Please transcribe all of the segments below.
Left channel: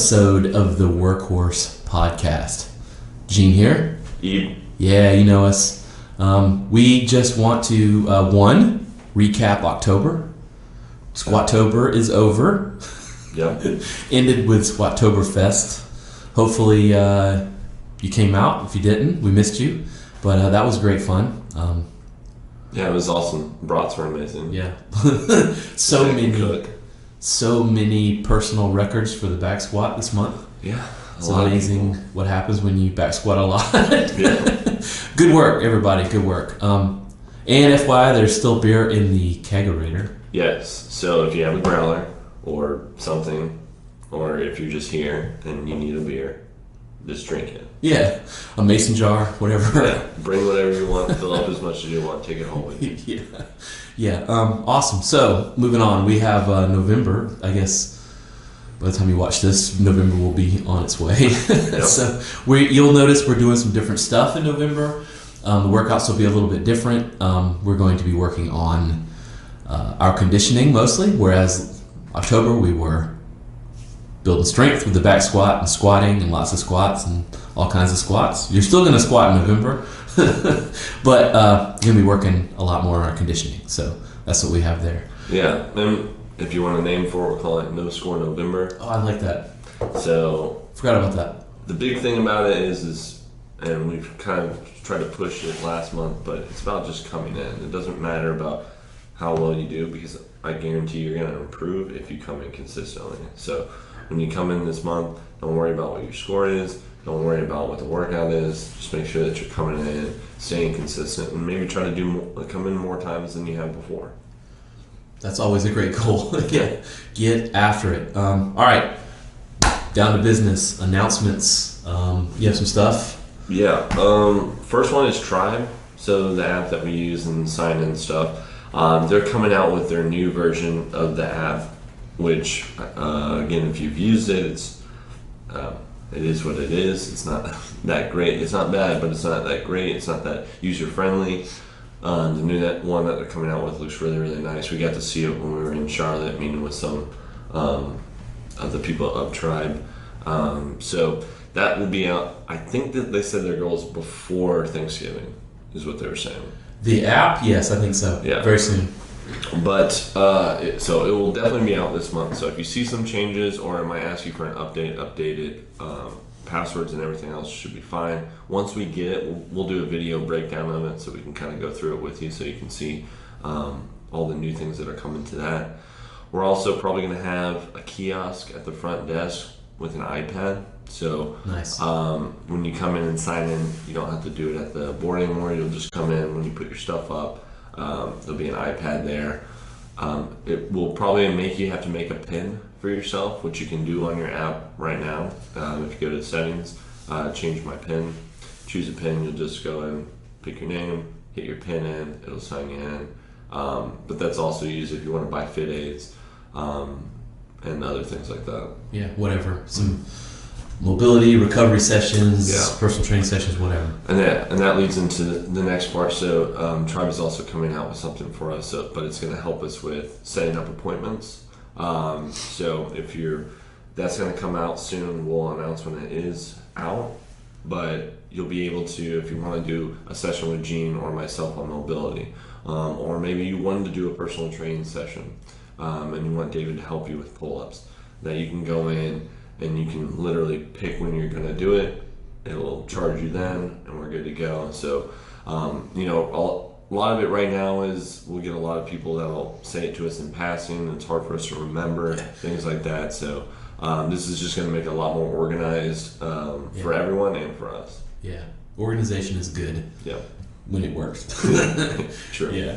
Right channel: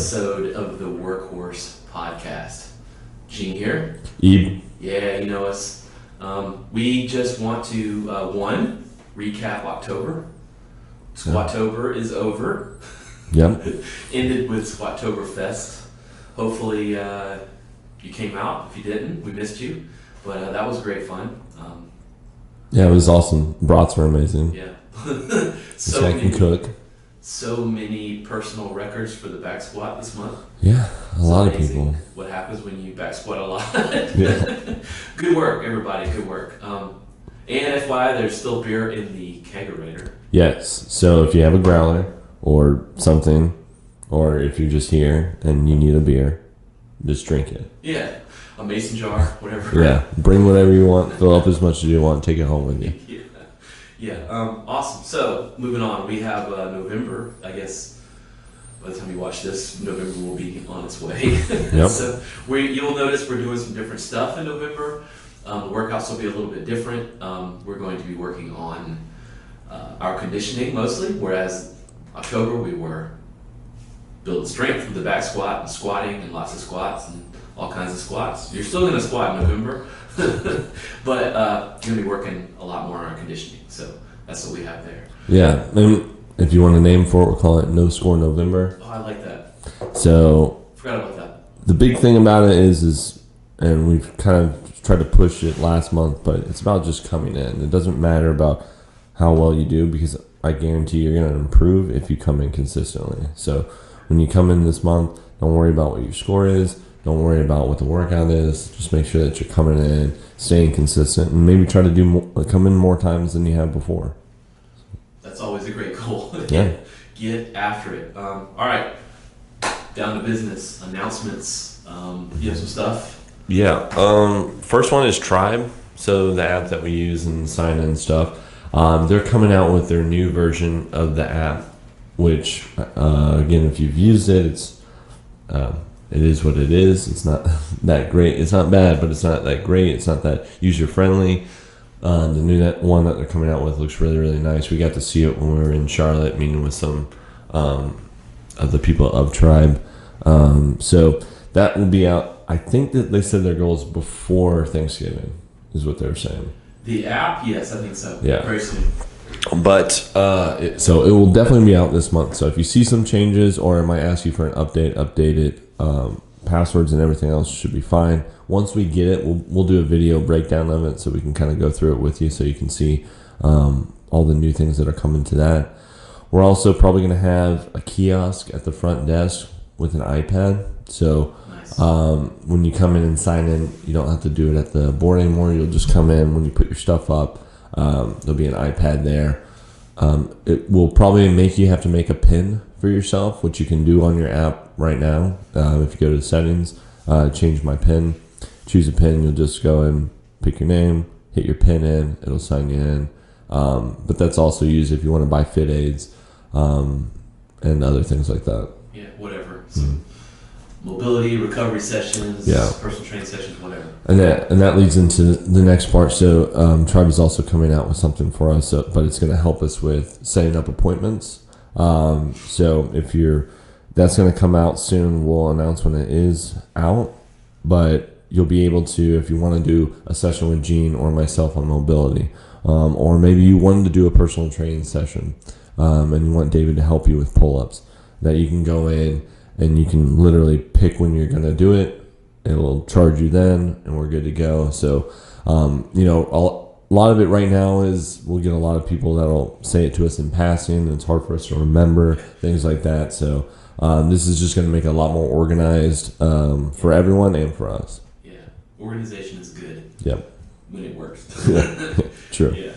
episode of the Workhorse Podcast. Gene here. Eve. Yeah, you know us. We just want to, recap October. Squatober is over. Yep. Ended with Squatoberfest. Hopefully you came out. If you didn't, we missed you. But that was great fun. Yeah, it was awesome. Brats were amazing. Yeah. So many personal records for the back squat this month. Yeah, it's lot amazing of people. What happens when you back squat a lot. Yeah. Good work, everybody. Good work. And FYI, there's still beer in the kegerator. Yes. So if you have a growler or something, or if you're just here and you need a beer, just drink it. Yeah, a mason jar, whatever. Yeah, bring whatever you want, fill up as much as you want, take it home with you. Yeah. Awesome. So moving on, we have November. I guess by the time you watch this, November will be on its way. Yep. So you'll notice we're doing some different stuff in November. The workouts will be a little bit different. We're going to be working on our conditioning mostly, whereas October we were building strength with the back squat and squatting and lots of squats and all kinds of squats. You're still going to squat in November, but you're going to be working a lot more on our conditioning. So that's what we have there. Yeah, and if you want a name for it, we'll call it No Score November. Oh, I like that. So Forgot about that. the big thing about it is, and we've kind of tried to push it last month, but it's about just coming in. It doesn't matter about how well you do, because I guarantee you're going to improve if you come in consistently. So when you come in this month, don't worry about what your score is. Don't worry about what the workout is. Just make sure that you're coming in, staying consistent, and maybe try to come in more times than you have before. That's always a great goal. Yeah. Get after it. All right, down to business. Announcements. You have some stuff? Yeah. First one is Tribe. So the app that we use and sign in stuff. They're coming out with their new version of the app, which again, if you've used it, it is what it is. It's not that great. It's not bad, but it's not that great. It's not that user friendly. The new one that they're coming out with looks really, really nice. We got to see it when we were in Charlotte meeting with some of the people of Tribe. So that will be out. I think that they said their goal is before Thanksgiving, is what they were saying. The app? Yes, I think so. Yeah. Very soon. But so it will definitely be out this month. So if you see some changes, or it might ask you for an update it. Passwords and everything else should be fine. Once we get it, we'll do a video breakdown of it, so we can kind of go through it with you, so you can see all the new things that are coming to that. We're also probably going to have a kiosk at the front desk with an iPad. So nice. When you come in and sign in, you don't have to do it at the board anymore. You'll just come in when you put your stuff up. There'll be an iPad there. It will probably make you have to make a PIN for yourself, which you can do on your app right now. If you go to the settings, change my PIN, choose a PIN, you'll just go and pick your name, hit your PIN in, it'll sign you in. But that's also used if you want to buy fit aids and other things like that. Yeah, whatever. Some mobility, recovery sessions, personal training sessions, whatever. And that leads into the next part. So Tribe is also coming out with something for us, but it's going to help us with setting up appointments. So that's going to come out soon. We'll announce when it is out, but you'll be able to, if you want to do a session with Gene or myself on mobility, or maybe you wanted to do a personal training session, and you want David to help you with pull-ups, that you can go in and you can literally pick when you're going to do it. It'll charge you then, and we're good to go. So, a lot of it right now is we'll get a lot of people that'll say it to us in passing. It's hard for us to remember, things like that. So this is just going to make it a lot more organized for everyone and for us. Yeah, organization is good. Yeah, when it works. True. Yeah.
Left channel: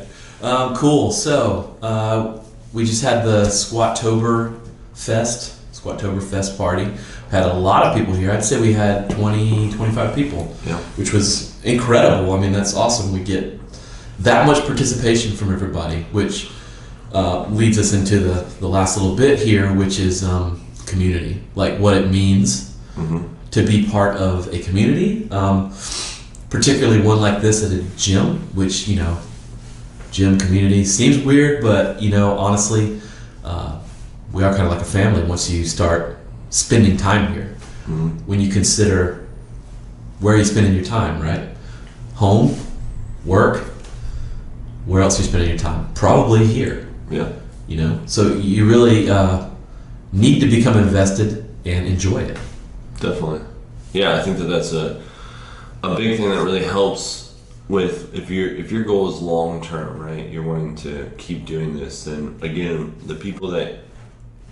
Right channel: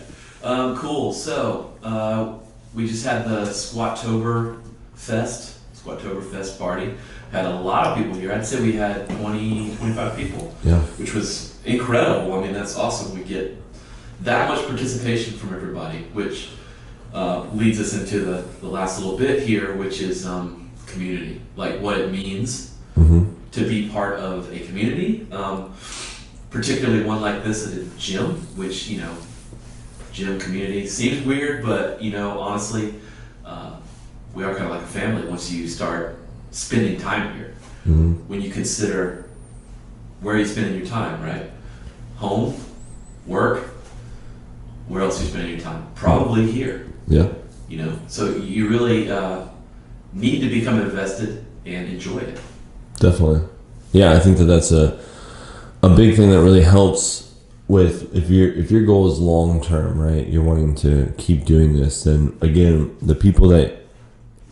Cool. So we just had the Squatoberfest party. Had a lot of people here. I'd say we had 20, 25 people. Yeah. Which was incredible. I mean, that's awesome. We get that much participation from everybody, which leads us into the last little bit here, which is community. Like what it means to be part of a community, particularly one like this at a gym, which, gym community seems weird, but, honestly, we are kind of like a family once you start spending time here. When you consider where you're spending your time, right? Home, work, where else are you spending your time? Probably here. Yeah. You know, so you really need to become invested and enjoy it. Definitely. Yeah, I think that's a big thing that really helps with if your goal is long term, right? You're wanting to keep doing this, then again, the people that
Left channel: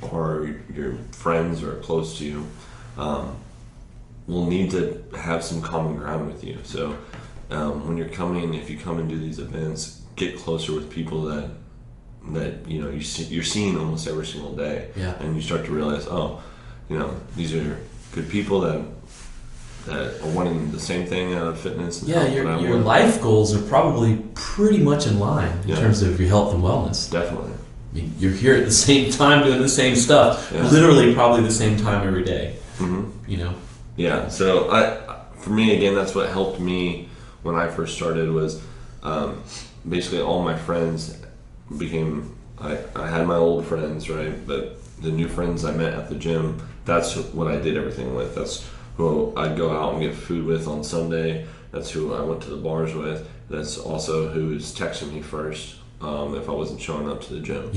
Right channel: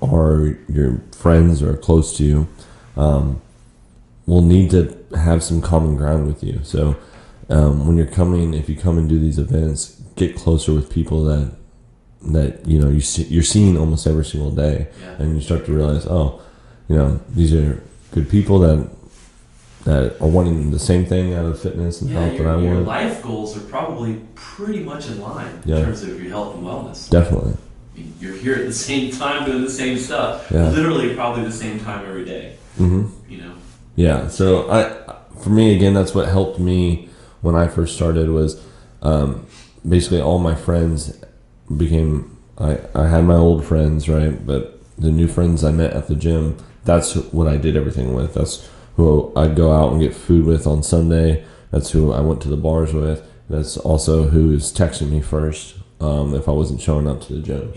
are your friends or close to you will need to have some common ground with you. So when if you come and do these events, get closer with people that you know you're seeing almost every single day, and you start to realize, these are good people that are wanting the same thing out of fitness and health. Your life goals are probably pretty much in line in terms of your health and wellness. Definitely. You're here at the same time doing the same stuff, literally probably the same time every day. You know. Yeah. So for me again, that's what helped me when I first started was basically all my friends became. I had my old friends, right, but the new friends I met at the gym. That's what I did everything with. That's who I'd go out and get food with on Sunday. That's who I went to the bars with. That's also who's texting me first if I wasn't showing up to the gym.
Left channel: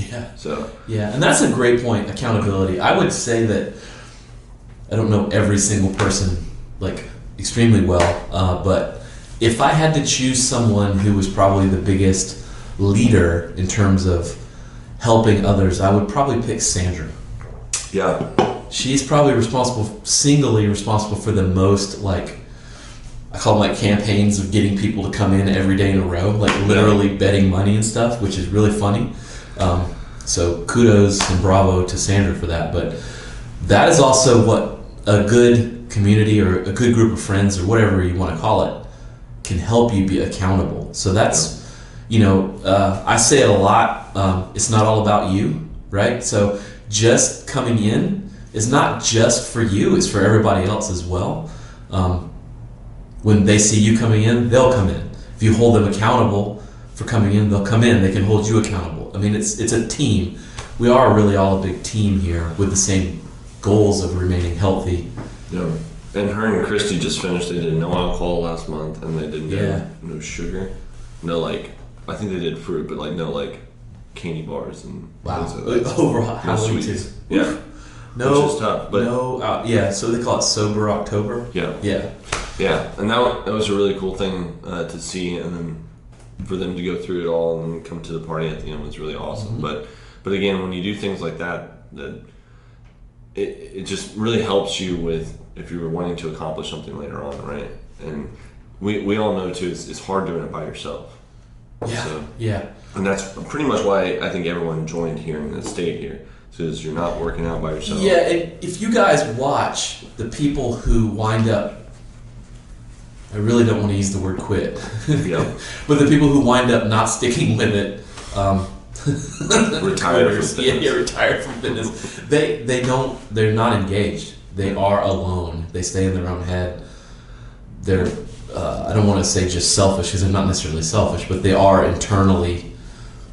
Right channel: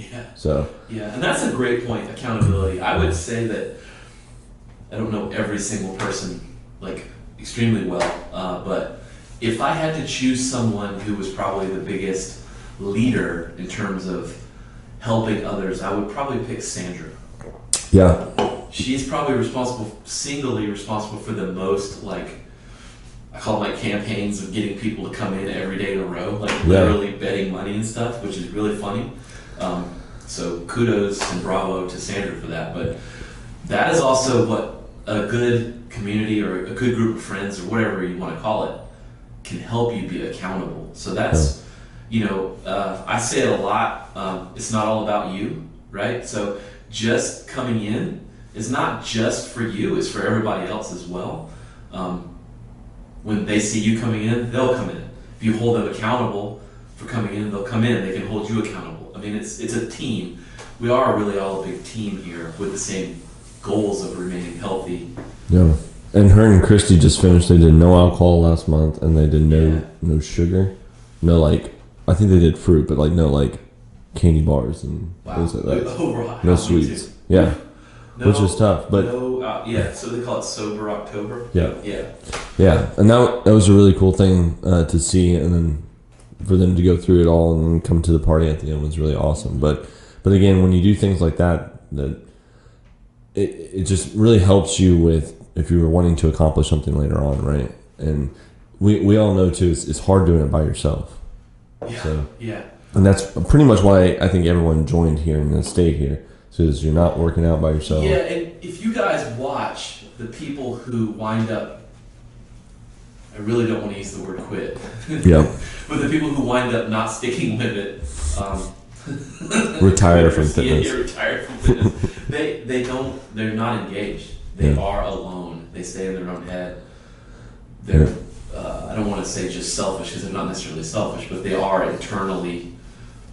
And that's a great point. Accountability. I would say that I don't know every single person like extremely well, but if I had to choose someone who was probably the biggest leader in terms of helping others, I would probably pick Sandra. Yeah. She's probably singly responsible for the most, like, I call them like campaigns of getting people to come in every day in a row, like literally betting money and stuff, which is really funny. So kudos and bravo to Sandra for that. But that is also what a good community or a good group of friends or whatever you want to call it can help you be accountable. So that's, I say it a lot, it's not all about you, right? So just coming in is not just for you, it's for everybody else as well. When they see you coming in, they'll come in. If you hold them accountable for coming in, they'll come in. They can hold you accountable. I mean, it's a team. We are really all a big team here with the same goals of remaining healthy. Yeah. And her and Christy just finished. They did no alcohol last month, and they did no sugar. No, like, I think they did fruit, but like no, like, candy bars and things like that. No sweets. Yeah. No, which is tough, but so they call it Sober October. Yeah, and that was a really cool thing to see, and then for them to go through it all and then come to the party at the end was really awesome. But again, when you do things like that it just really helps you with if you were wanting to accomplish something later on, right? And we all know too, it's hard doing it by yourself. And that's pretty much why I think everyone joined here and stayed here. Because you're not working out by yourself. Yeah, and if you guys watch the people who wind up, I really don't want to use the word quit. Yeah. But the people who wind up not sticking with it, retire from fitness. Yeah, retire from fitness. They're not engaged. They are alone. They stay in their own head. They're, I don't want to say just selfish because they're not necessarily selfish, but they are internally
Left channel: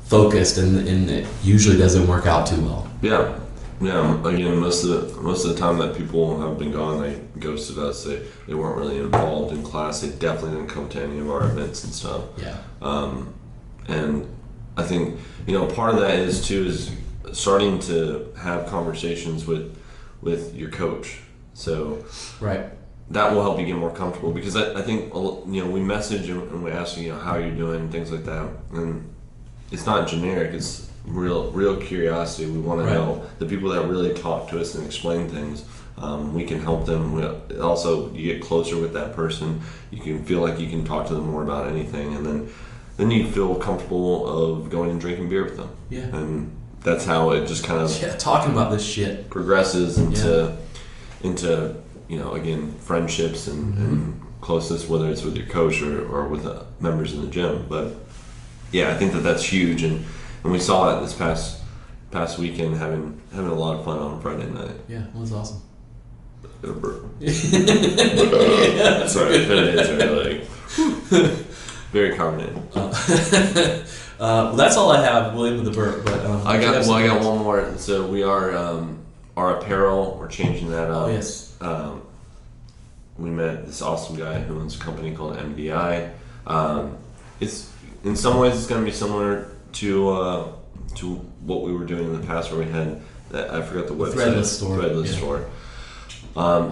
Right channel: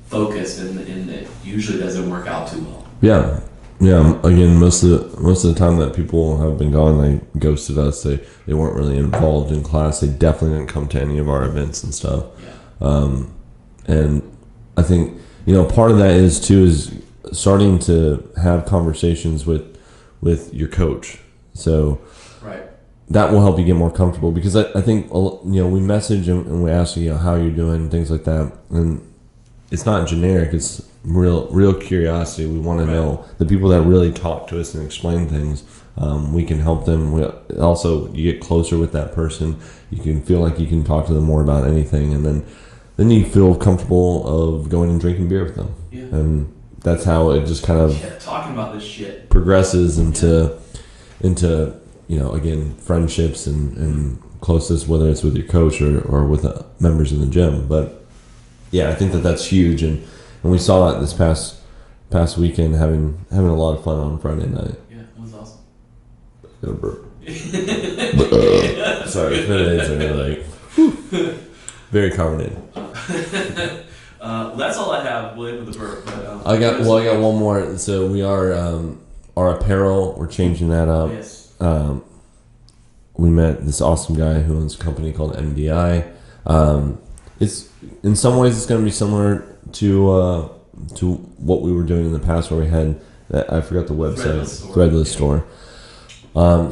focused, and it usually doesn't work out too well. Yeah. Again, most of the time that people have been gone, they ghosted us. They weren't really involved in class. They definitely didn't come to any of our events and stuff. Yeah. And I think part of that is starting to have conversations with your coach. So right. That will help you get more comfortable because I think we message and we ask how you're doing and things like that, and it's not generic. It's real curiosity. We want to know the people that really talk to us and explain things. We can help them. Also, you get closer with that person. You can feel like you can talk to them more about anything, and then you feel comfortable of going and drinking beer with them. Yeah. And that's how it just kind of talking about this shit progresses into again friendships and closeness, whether it's with your coach or with members in the gym. But yeah, I think that's huge, and we saw it this past weekend, having a lot of fun on Friday night. Yeah, it was awesome. Got a burp. Sorry, Fridays are like very carbonated. Well, that's all I have, William, with the burp. But I got one more. So we are our apparel, we're changing that up. Oh, yes. We met this awesome guy who owns a company called MDI. It's in some ways it's going to be similar to what we were doing in the past, where we had that, I forgot the website, Threadless store.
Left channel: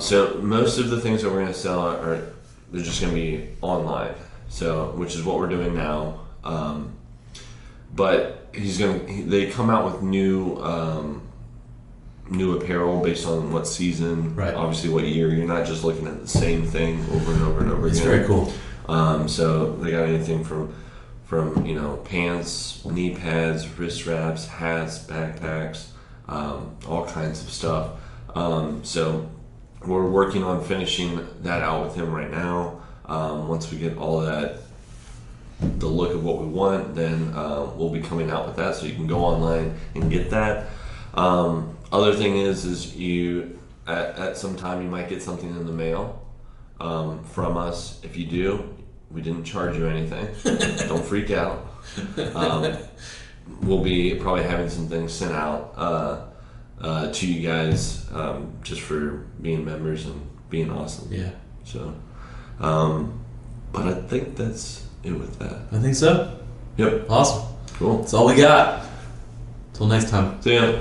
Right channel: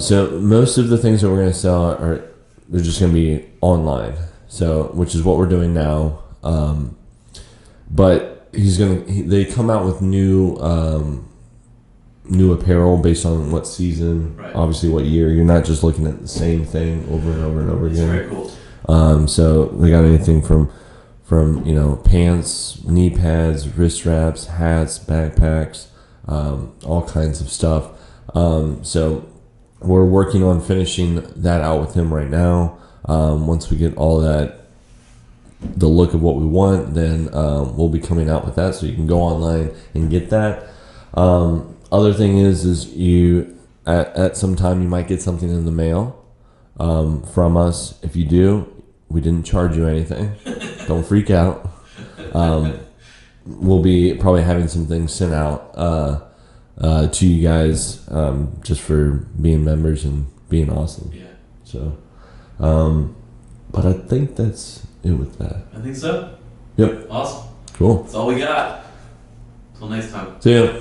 So most of the things that we're going to sell they're just going to be online. So which is what we're doing now. But they come out with new apparel based on what season, right. Obviously what year. You're not just looking at the same thing over and over and over again. It's very cool. So they got anything from pants, knee pads, wrist wraps, hats, backpacks, all kinds of stuff. So we're working on finishing that out with him right now. Once we get all that, the look of what we want, then we'll be coming out with that, so you can go online and get that. Other thing is you at some time you might get something in the mail from us. If you do, we didn't charge you anything. Don't freak out. We'll be probably having some things sent out to you guys just for being members and being awesome. Yeah. So, but I think that's it with that. I think so. Yep. Awesome. Cool. That's all we got. Till next time. See ya.